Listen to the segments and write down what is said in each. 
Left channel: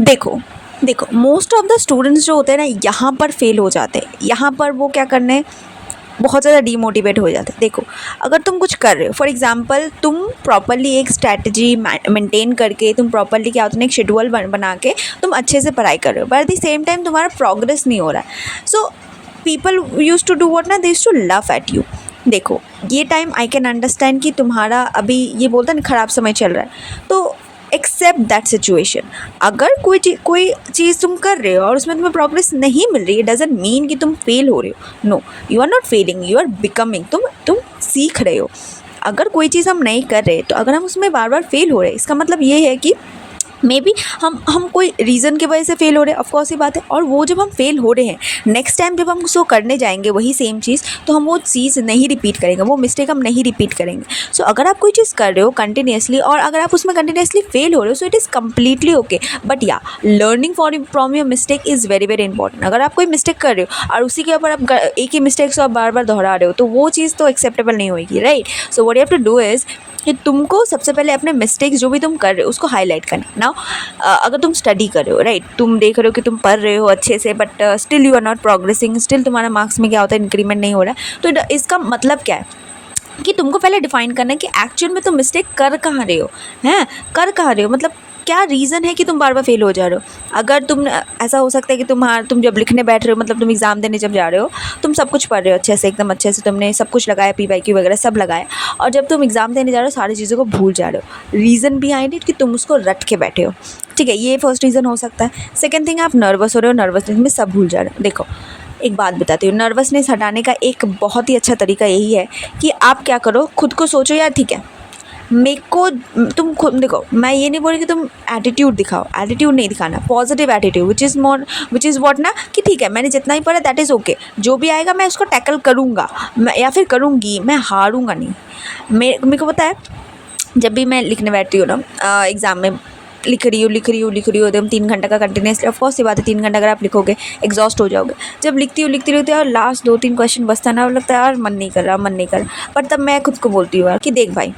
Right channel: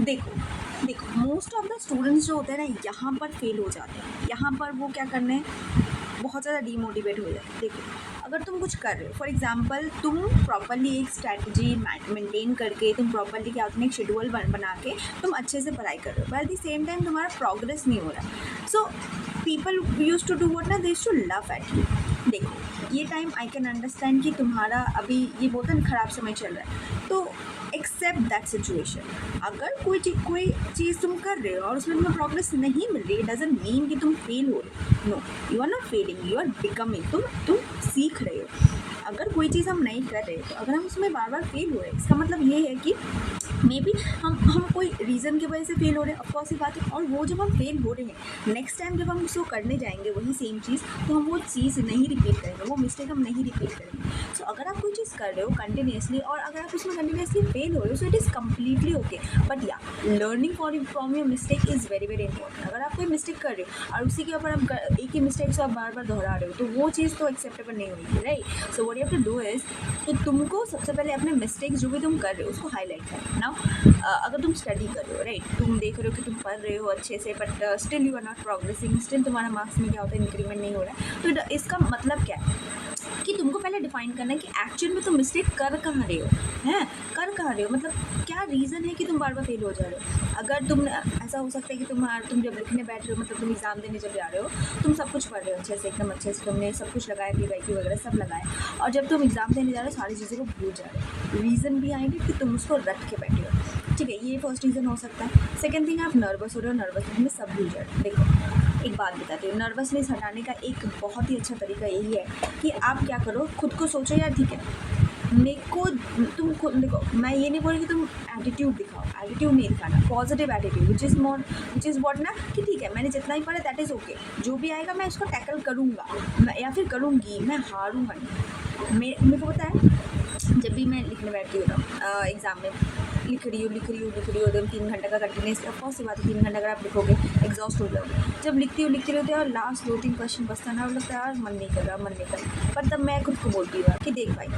देखो देखो most of the students जो होते हैं ना यहाँ पर फेल हो जाते हैं। यहाँ पर वो क्या करने बहुत ज़्यादा डीमोटिवेट हो जाते हैं। देखो अगर तुम कुछ कर रहे हो, फॉर एग्जांपल तुम प्रॉपरली एक स्ट्रैटेजी मेंटेन करके, तुम प्रॉपरली क्या होता है एक शेड्यूल बना के तुम अच्छे से पढ़ाई कर रहे हो, but at the same time तुम्हारा प्रोग्रेस नहीं हो रहा है। So people use to do what ना, they used to laugh at you. देखो ये टाइम आई कैन अंडरस्टैंड कि तुम्हारा अभी ये बोलता है ना ख़राब समय चल रहा है, तो एक्सेप्ट दैट सिचुएशन। अगर कोई चीज़ तुम कर रहे हो और उसमें तुम्हें प्रोग्रेस नहीं मिल रही है, डजंट मीन कि तुम फेल हो रहे हो। No, you are not failing, you are becoming. तुम सीख रहे हो। अगर कोई चीज़ हम नहीं कर रहे तो अगर हम उसमें बार बार फेल हो रहे हैं, इसका मतलब ये है कि मे बी हम कोई रीज़न की वजह से फ़ेल हो रहे हैं, ऑफकोर्स ये बात है। और वो जब हम फ़ेल हो रहे हैं, नेक्स्ट टाइम जब हम उसको करने जाएंगे वही सेम चीज़, तो हम वो चीज़ नहीं रिपीट करेंगे, वो मिस्टेक हम नहीं रिपीट करेंगे। सो अगर आप कोई चीज़ कर रहे हो कंटिन्यूसली और अगर आप उसमें कंटिन्यूसली फ़ेल हो रहे हो, so it is completely okay. But या learning from your mistake is very very important. अगर आप कोई मिस्टेक कर रहे हो और उसी के ऊपर आप एक ही मिस्टेक को आप बार बार दोहरा रहे हो, तो वो चीज़ तो एक्सेप्टेबल नहीं होगी, right. So what you have to do is कि तुमको सबसे पहले अपने मिस्टेक्स जो भी तुम कर रहे हो उसको हाईलाइट करना। नाउ अगर तुम स्टडी कर रहे हो, राइट, तुम देख रहे हो कि तुम पढ़ रहे हो अच्छे से, but still you are not progressing, still तुम्हारा मार्क्स में क्या होता है इंक्रीमेंट नहीं हो रहा है, तो इसका मतलब क्या है कि तुमको पहले डिफाइन करना है कि एक्चुअल में तुम मिस्टेक कर कहाँ रहे हो, हैं कर कहाँ रहे हो, मतलब क्या रीज़न है कि तुम बार बार फेल हो जा रहे हो। अगर तुम ऐसा हो सकता है कि तुम जब लिखने बैठ रहे हो, मतलब तुम एग्ज़ाम देने जब जा रहे हो, तुम सब कुछ पढ़ रहे हो अच्छे से, एकदम अच्छे से तुमने सब कुछ लगाया, PYQ वगैरह सब लगाया, और जब तुम एग्ज़ाम देने जा रहे हो सारी चीज़ों को भूल जा रहे हो। रीज़न बिहाइंड इट कि तुम उसको रट के बैठे हो, ठीक है, ये फर्स्ट रीज़न हो सकता है। सेकेंड थिंग, आप नर्वस हो रहे हो, नर्वसनेस में सब भूल जा रहे हो। देखो एक बात बताती हूँ, नर्वसनेस हटाने का एक बहुत ही अच्छा तरीका यही है कि आप क्या करो, खुद को सोचो यार ठीक है मेरे को, तुम खुद देखो, मैं ये नहीं बोल रही कि तुम एटीट्यूड दिखाओ, एटीट्यूड नहीं दिखाना, positive attitude which is what ना कि ठीक है मैंने जितना ही पढ़ा दैट इज़ ओके, जो भी आएगा मैं उसको टैकल करूँगा, मैं या फिर करूँगी, मैं हारूँगा नहीं। मेरे को पता है जब भी मैं लिखने बैठती हूँ ना एग्ज़ाम में, लिख रही हूँ एकदम 3 घंटा का कंटिन्यूसली, ऑफ कोर्स ये बात है 3 घंटा अगर आप लिखोगे एग्जॉस्ट हो जाओगे। जब लिखती हूँ और लास्ट 2-3 क्वेश्चन बचता ना, लगता है यार मन नहीं कर रहा, पर तब मैं खुद को बोलती हूँ यार कि देख भाई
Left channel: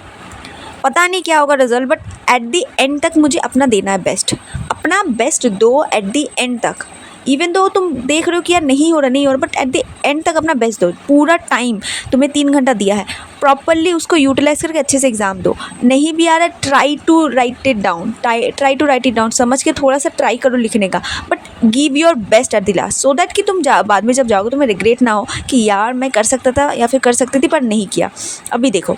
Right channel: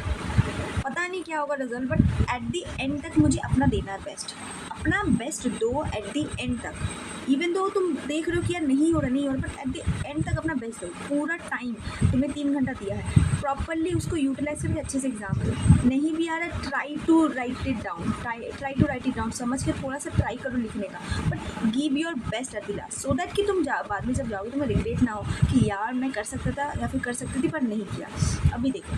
पता नहीं क्या होगा result, but at the and तक मुझे अपना देना है बेस्ट, अपना बेस्ट दो एट दी एंड तक। इवन दो तुम देख रहे हो कि यार नहीं हो रहा, बट एट द एंड तक अपना बेस्ट दो। पूरा टाइम तुम्हें 3 घंटा दिया है, प्रॉपरली उसको यूटिलाइज करके अच्छे से एग्ज़ाम दो। नहीं भी आ रहा है, try to write it down, समझ के थोड़ा सा ट्राई करो लिखने का, but give your best at the last, so that कि तुम बाद में जब जाओगे तुम्हें रिग्रेट ना हो कि यार मैं कर सकता था या फिर कर सकती थी पर नहीं किया। अभी देखो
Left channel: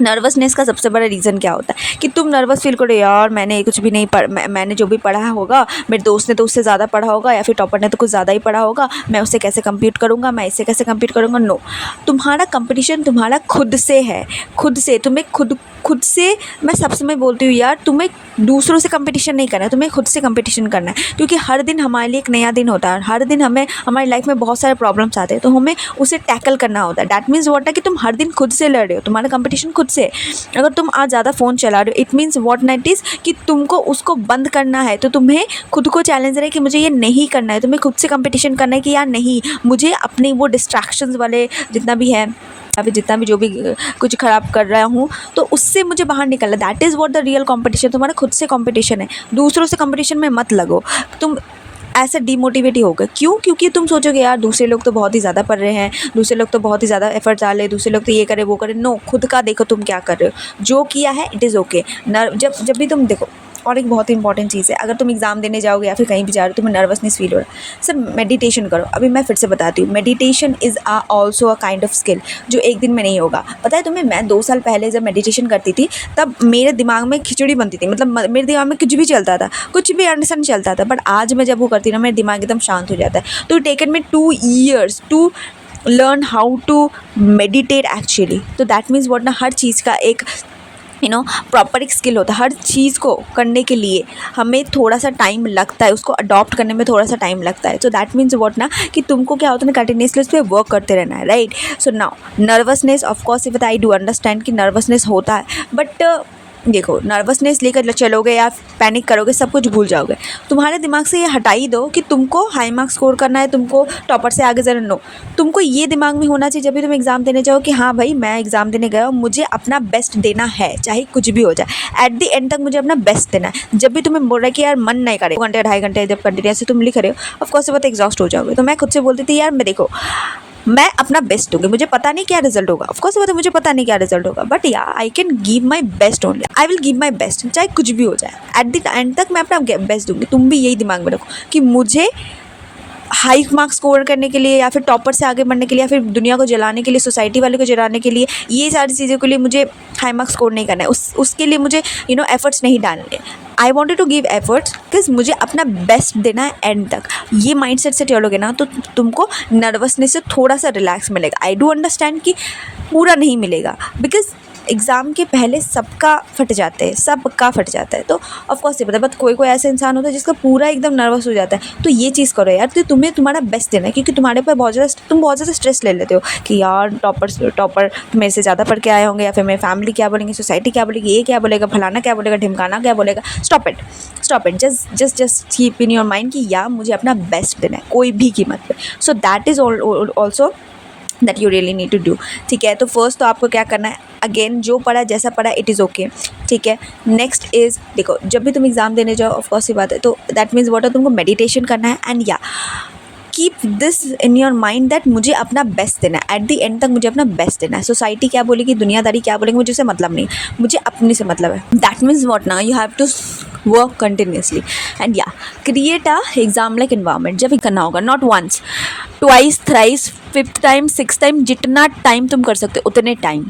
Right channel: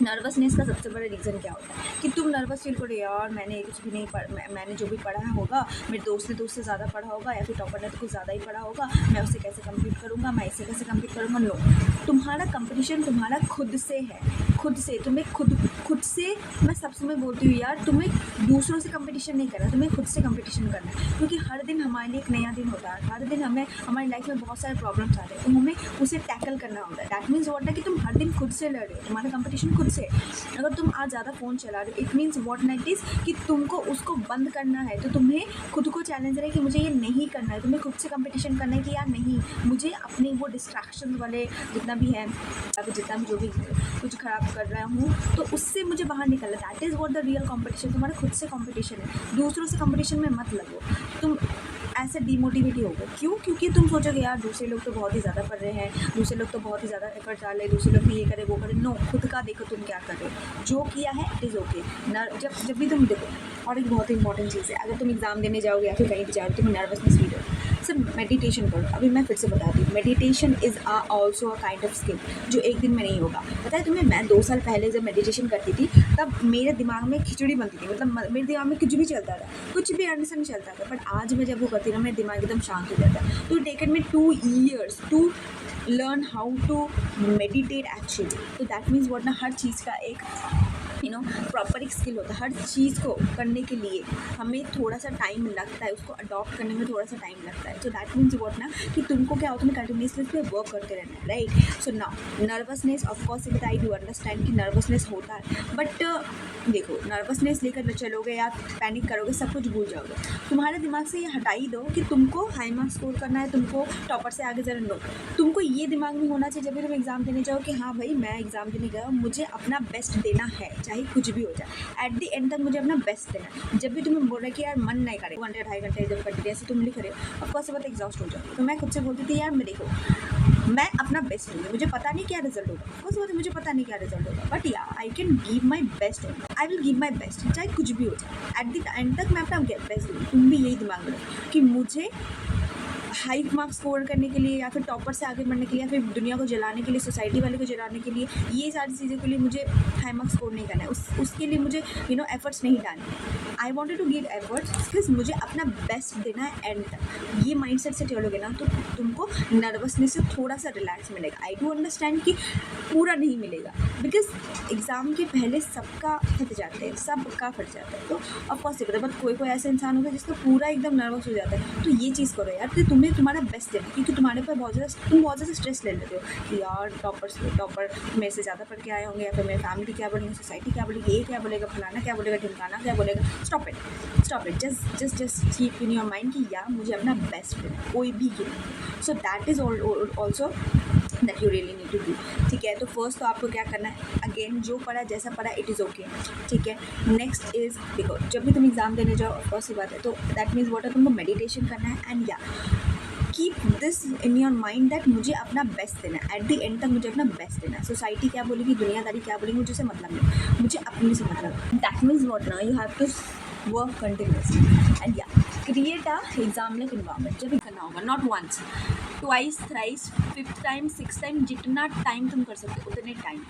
नर्वसनेस का सबसे बड़ा रीज़न क्या होता है कि तुम नर्वस फील करो, यार मैंने कुछ भी नहीं मैंने जो भी पढ़ा होगा, मेरे दोस्त ने तो उससे ज़्यादा पढ़ा होगा, या फिर टॉपर ने तो कुछ ज़्यादा ही पढ़ा होगा, मैं उससे कैसे कम्पीट करूँगा, मैं इससे कैसे कम्पीट करूँगा। नो, तुम्हारा कंपटीशन तुम्हारा खुद से है, खुद से। तुम्हें खुद से, मैं सब समय बोलती हूँ यार, तुम्हें दूसरों से कंपटीशन नहीं करना है, तुम्हें खुद से कंपटीशन करना है, क्योंकि हर दिन हमारे लिए एक नया दिन होता है, हर दिन हमें हमारी लाइफ में बहुत सारे प्रॉब्लम्स आते हैं, तो हमें उसे टैकल करना होता है। दैट मीन्स व्हाट है कि तुम हर दिन खुद से लड़ रहे हो, तुम्हारा कंपटीशन खुद से। अगर तुम आज ज़्यादा फ़ोन चला रहे हो, it means what night is कि तुमको उसको बंद करना है, तो तुम्हें खुद को चैलेंज रहे कि मुझे ये नहीं करना है, तुम्हें खुद से कंपटीशन करना है कि यार नहीं, मुझे अपने वो डिस्ट्रैक्शंस वाले जितना भी है या फिर जितना भी जो भी कुछ ख़राब कर रहा हूँ, तो उससे मुझे बाहर निकलना। That is what the real competition, तुम्हारा खुद से कंपटीशन है, दूसरों से कंपटीशन में मत लगो। तुम ऐसे डीमोटिवेट ही होगा, क्यों? क्योंकि तुम सोचोगे यार दूसरे लोग तो बहुत ही ज़्यादा पढ़ रहे हैं, दूसरे लोग तो बहुत ही ज़्यादा एफर्ट डाले, दूसरे लोग तो ये करे वो करे। नो, खुद का देखो तुम क्या कर रहे हो, जो किया है इट इज़ ओके। जब भी तुम देखो, और एक बहुत ही इंपॉर्टेंट चीज़ है, अगर तुम एग्ज़ाम देने जाओगे या फिर कहीं भी जा रहे हो, तुम्हें नर्वसनेस फील हो रहा है, सर मेडिटेशन करो। अभी मैं फिर से बताती हूँ, meditation is also a kind of skill जो एक दिन में नहीं होगा। पता है तुम्हें, मैं 2 साल पहले जब मेडिटेशन करती थी तब मेरे दिमाग में खिचड़ी बनती थी, मतलब मेरे दिमाग में कुछ भी चलता था, कुछ भी अंडरस्टैंड चलता था, बट आज मैं जब वो करती ना, मेरा दिमाग एकदम शांत हो जाता है। तो taken me 2 years to learn how to meditate actually. तो दैट मीन्स व्हाट ना, हर चीज़ का एक प्रॉपर एक स्किल होता है। हर चीज़ को करने के लिए हमें थोड़ा सा टाइम लगता है, उसको अडॉप्ट करने में थोड़ा सा टाइम लगता है। सो दैट मीन्स व्हाट ना कि तुमको क्या होता है ना, कंटिन्यूसली उस पर वर्क करते रहना है, right. So now nervousness, of course if I do understand कि नर्वसनेस होता है, बट देखो नर्वसनेस लेकर चलोगे या पैनिक करोगे सब कुछ भूल जाओगे। तुम्हारे दिमाग से ये हटा ही दो कि तुमको हाई मार्क्स स्कोर करना है, तुमको टॉपर से आगे जाना। नो, तुमको ये दिमाग में होना चाहिए जब भी तुम एग्ज़ाम देने जाओ कि हाँ भाई मैं एग्ज़ाम देने गया हूँ, मुझे अपना बेस्ट देना है, चाहे कुछ भी हो जाए। एट द एंड तक मुझे अपना बेस्ट देना है। जब भी तुम्हें बोल रहा है कि यार मन नहीं करे, 2 घंटे 2.5 घंटे जब कंटिन्यूस से तुम लिख रहे हो, ऑफकोर्स बहुत एग्जॉस्ट हो जाओगे। तो मैं खुद से बोलती थी यार मैं देखो मैं अपना बेस्ट दूंगी, मुझे पता नहीं क्या रिजल्ट होगा, ऑफकोर्स बात है मुझे पता नहीं क्या रिजल्ट होगा, बट या I can give my best only, I will give my best, चाहे कुछ भी हो जाए। एट द एंड तक मैं अपना बेस्ट दूंगी। तुम भी यही दिमाग में रखो कि मुझे हाई मार्क्स स्कोर करने के लिए या फिर टॉपर से आगे बढ़ने के लिए या फिर दुनिया को जलाने के लिए, सोसाइटी वाले को जलाने के लिए, ये सारी चीज़ों के लिए मुझे हाई मार्क्स स्कोर नहीं करना है। उसके लिए मुझे एफर्ट्स नहीं डालने। I wanted to give efforts because मुझे अपना बेस्ट देना है एंड तक। ये माइंडसेट से चलोगे ना तो तुमको नर्वसनेस से थोड़ा सा रिलैक्स मिलेगा। आई डू अंडरस्टैंड कि पूरा नहीं मिलेगा बिकॉज एग्ज़ाम के पहले सबका फट जाते हैं, सबका फट जाता है। तो ऑफकोर्स ये पता है, बट कोई ऐसा इंसान होता है जिसका पूरा एकदम नर्वस हो जाता है। तो ये चीज़ करो यार, तो तुम्हें तुम्हारा बेस्ट देना है, क्योंकि तुम्हारे पर बहुत ज़्यादा स्ट्रेस ले लेते हो कि यार टॉपर मेरे से ज़्यादा पढ़ के आए होंगे, या फिर मेरी फैमिली क्या बोलेंगे, सोसाइटी क्या बोलेगी, ये क्या बोलेगा, फलाना क्या बोलेगा, ढिमकाना क्या बोलेगा। Stop it, just keep in your mind कि यार मुझे अपना बेस्ट देना है कोई भी कीमत पे। So that is also that you really need to do. ठीक है, तो फर्स्ट तो आपको क्या करना है, अगेन जो पढ़ा जैसा पढ़ा इट इज़ ओके। ठीक है, नेक्स्ट इज़ देखो जब भी तुम एग्ज़ाम देने जाओ ऑफकोर्स ये बात है, तो दैट मीन्स व्हाट है, तुमको मेडिटेशन करना है एंड या keep this in your mind that मुझे अपना बेस्ट देना है। एट द एंड तक मुझे अपना बेस्ट देना है। सोसाइटी क्या बोलेगी, दुनियादारी क्या बोलेंगे, मुझे उससे मतलब नहीं, मुझे अपने से मतलब है। दैट मीन्स व्हाट ना, you have to work continuously and या create a exam like environment. जब भी करना होगा, not once, twice, thrice, 5th time, 6th time, जितना टाइम तुम कर सकते हो उतने टाइम।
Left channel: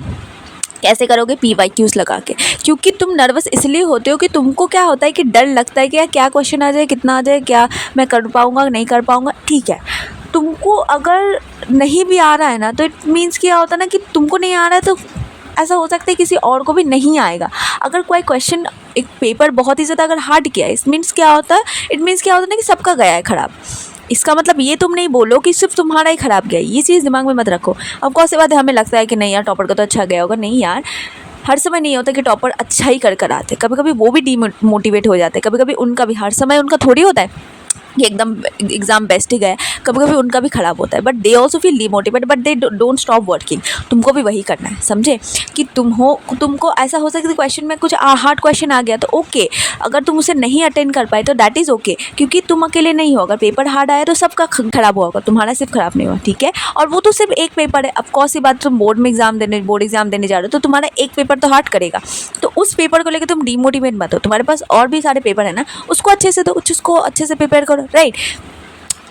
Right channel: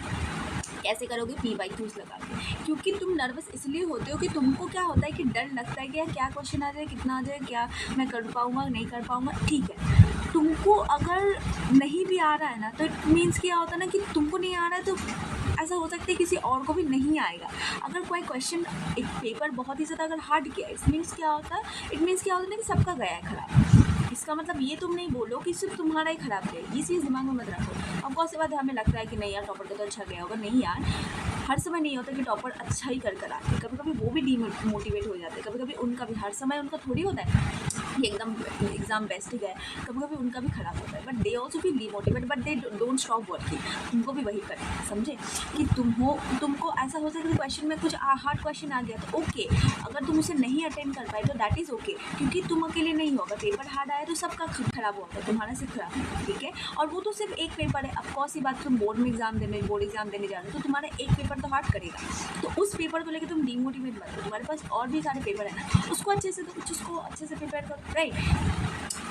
कैसे करोगे, PYQs लगा के, क्योंकि तुम नर्वस इसलिए होते हो कि तुमको क्या होता है कि डर लगता है कि यार क्या क्वेश्चन आ जाए, कितना आ जाए, क्या मैं कर पाऊँगा नहीं कर पाऊँगा। ठीक है, तुमको अगर नहीं भी आ रहा है ना तो इट मीन्स क्या होता है ना कि तुमको नहीं आ रहा है तो ऐसा हो सकता है किसी और को भी नहीं आएगा। अगर कोई क्वेश्चन, एक पेपर बहुत ही ज़्यादा अगर हार्ड किया है, इट मीन्स क्या होता है, ना कि सबका गया है ख़राब। इसका मतलब ये तुम नहीं बोलो कि सिर्फ तुम्हारा ही ख़राब गया है, ये चीज़ दिमाग में मत रखो। अब कौन सी बात है, हमें लगता है कि नहीं यार टॉपर का तो अच्छा गया होगा, नहीं यार हर समय नहीं होता कि टॉपर अच्छा ही कर आते, कभी कभी वो भी डीमोटिवेट हो जाते हैं, कभी कभी उनका भी, हर समय उनका थोड़ी होता है कि एकदम एग्ज़ाम बेस्ट ही गया, कभी कभी उनका भी ख़राब होता है, but they also feel demotivated, but they don't stop working. तुमको भी वही करना है, समझे, कि तुमको ऐसा हो सकता है क्वेश्चन में कुछ हार्ड क्वेश्चन आ गया तो ओके, अगर तुम उसे नहीं अटेंड कर पाए तो दैट इज़ ओके, क्योंकि तुम अकेले नहीं हो। अगर पेपर हार्ड आया तो सबका ख़राब होगा, तुम्हारा सिर्फ ख़राब नहीं हुआ। ठीक है, और वो तो सिर्फ एक पेपर है। अब कौन सी बात, तुम बोर्ड एग्ज़ाम देने जा रहे हो तो तुम्हारा एक पेपर तो हार्ड करेगा, तो उस पेपर को लेकर तुम डिमोटिवेट मत हो। तुम्हारे पास और भी सारे पेपर है ना, उसको अच्छे से दो, उसको अच्छे से प्रिपेयर करो, राइट।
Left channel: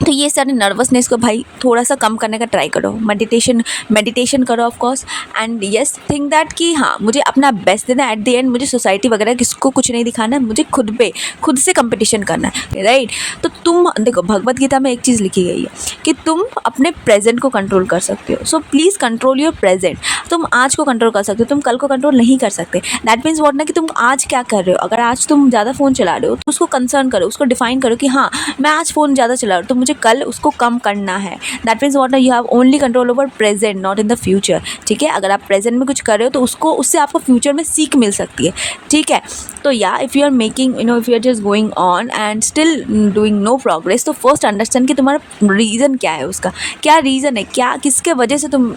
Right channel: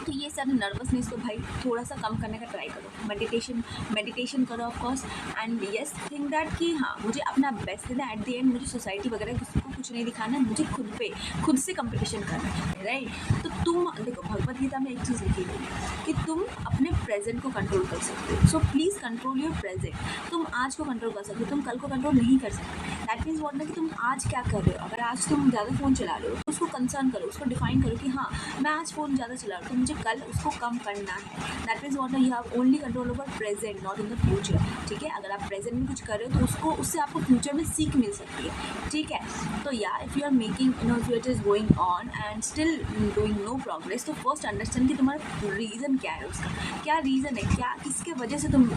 तो ये सारे नर्वसनेस को भाई थोड़ा सा कम करने का ट्राई करो, मेडिटेशन करो of course, and yes think that कि हाँ मुझे अपना बेस्ट देना है। एट द एंड मुझे सोसाइटी वगैरह किसको कुछ नहीं दिखाना है, मुझे खुद से कंपटीशन करना है, राइट। तो तुम देखो भगवत गीता में एक चीज़ लिखी गई है कि तुम अपने प्रेजेंट को कंट्रोल कर सकते हो, so please control your present. तुम आज को कंट्रोल कर सकते हो, तुम कल को कंट्रोल नहीं कर सकते। दैट मीन्स व्हाट ना कि तुम आज क्या कर रहे हो। अगर आज तुम ज़्यादा फ़ोन चला रहे हो तो उसको कंसर्न करो, उसको डिफाइन करो कि हाँ मैं आज फ़ोन ज़्यादा चला रहा हूँ तो मुझे कल उसको कम करना है। दैट मीन्स व्हाट ना, you have only control over present, not in the future. ठीक है, अगर आप प्रेजेंट में कुछ कर रहे हो तो उससे आपको फ्यूचर में सीख मिल सकती है। ठीक है, तो या if you are making if you are just going on and still doing no progress, तो फर्स्ट अंडरस्टैंड कि तुम्हारा रीज़न क्या है, उसका क्या रीज़न है, क्या किसके वजह से तुम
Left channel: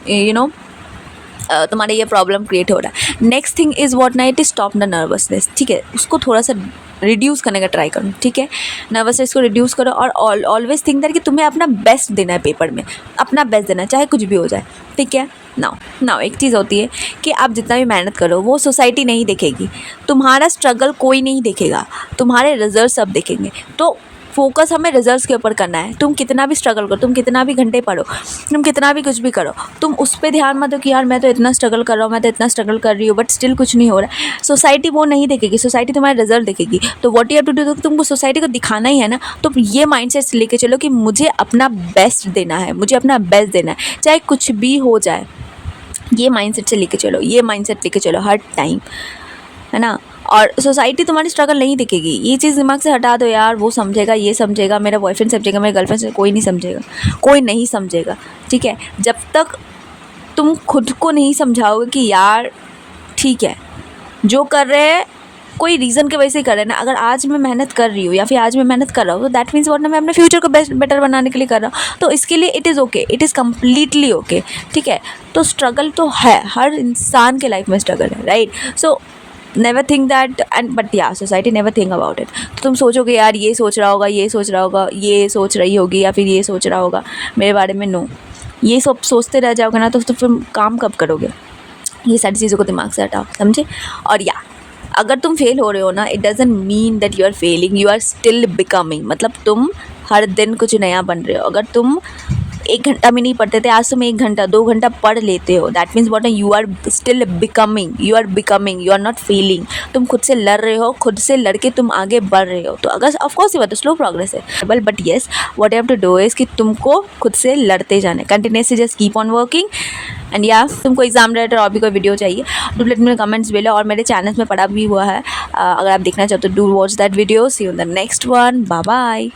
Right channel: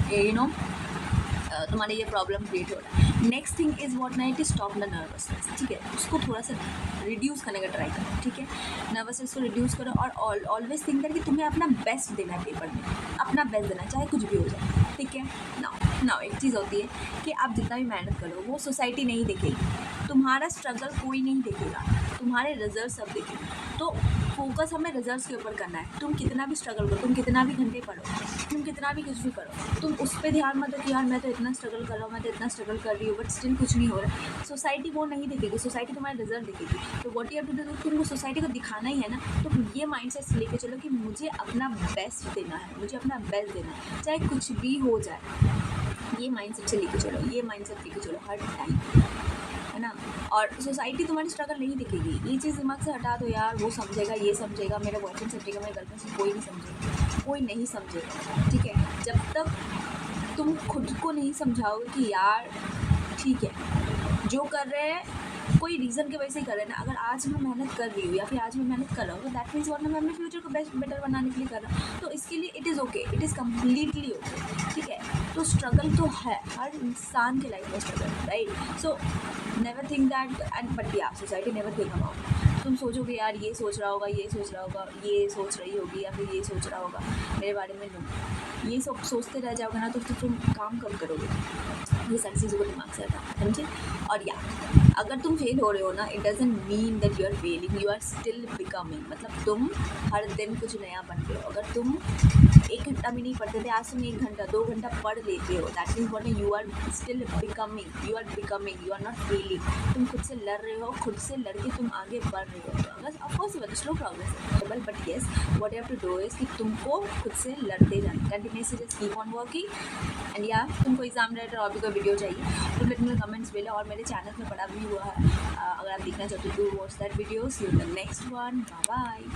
तुम्हारे ये प्रॉब्लम क्रिएट हो रहा है। नेक्स्ट थिंग इज़ व्हाट ना, it is stop the nervousness. ठीक है, उसको थोड़ा सा रिड्यूस करने का ट्राई करो। ठीक है, नर्वसनेस को रिड्यूस करो और ऑलवेज थिंक दैट कि तुम्हें अपना बेस्ट देना है, पेपर में अपना बेस्ट देना है, चाहे कुछ भी हो जाए। ठीक है, नाउ एक चीज़ होती है कि आप जितना भी मेहनत करो वो सोसाइटी नहीं देखेगी, तुम्हारा स्ट्रगल कोई नहीं देखेगा, तुम्हारे रिजल्ट सब देखेंगे। तो फोकस हमें रिजल्ट्स के ऊपर करना है। तुम कितना भी स्ट्रगल करो, तुम कितना भी घंटे पढ़ो, तुम कितना भी कुछ भी करो, तुम उस पर ध्यान मत दो कि यार मैं तो इतना स्ट्रगल कर रहा हूँ, मैं तो इतना स्ट्रगल कर रही हूँ बट स्टिल कुछ नहीं हो रहा है। सोसाइटी वो नहीं देखेगी, सोसाइटी तुम्हारे रिजल्ट देखेगी। तो what you have to do, तुमको सोसाइटी को दिखाना ही है ना। तो ये माइंडसेट लेके चलो कि मुझे अपना बेस्ट देना है, मुझे अपना बेस्ट देना है चाहे कुछ भी हो जाए। ये माइंडसेट से लेके चलो, ये माइंडसेट लेके चलो हर टाइम, है ना। और सोसाइटी तुम्हारी स्ट्रगल नहीं दिखेगी, ये चीज़ दिमाग से हटा दो यार। वो समझेगा, ये समझेगा, मेरा बॉयफ्रेंड समझेगा, मेरे गर्लफ्रेंड से, कोई नहीं समझेगा, कोई नहीं समझेगा। ठीक है, जब तक तुम खुद को नहीं समझाओगे कि यार ठीक है जो कर रहे हैं कोई रीज़न की वजह से कर रहे हैं ना। अगर आज मैं मेहनत कर रही हूँ या फिर आज मैं मेहनत कर रहा हूँ तो दैट मीन्स वॉट ना, मैं अपने फ्यूचर को बेटर बनाने के लिए कर रहा हूँ, तो इसके लिए it is okay, it is completely okay, ठीक है। तो स्ट्रगल तो है, हर इंसान के लाइफ में स्ट्रगल है, right. So never think that and but या society never think about it. तो तुम सोचोगे यार ये सोच रहा होगा, ये सोच रहा होगा, ये सोच रही होगी या फिर ये सोच रहा होगा मेरे बारे में, नो, ये सब सोचते रह जाओगे ना तो फिर काम कब करोगे। ये सारी चीज़ों को दिमाग से हटाओ, समझे। और या अगर तुम फेल हो रहे हो ना, it doesn't mean that you are failing, you are still becoming. मतलब तुम हर दिन कुछ नया बन रहे हो। अगर तुम 1 घंटा भी नहीं पढ़ते थे, आज तुम 1 घंटा 2 घंटा पढ़ लेते हो, that means what, you are still becoming, you are becoming, you are not failing. तुम खुद से लड़ रहे हो, खुद से लड़के तुम आगे बढ़ रहे हो। तो अगर ऑफकोर्स ये बात स्लो प्रोग्रेस है, but yes what you have to do is कि तुमको खुद से लड़ते जाना है, continuously just keep on working. And या तुमको एग्जाम रिलेटेड और भी कोई वीडियो चाहिए तो लेट मी कमेंट्स बेलो, और मेरे चैनल में पड़ा भी हुआ है, अगर आप देखना चाहते हो do watch that video. See you in the next one, bye bye.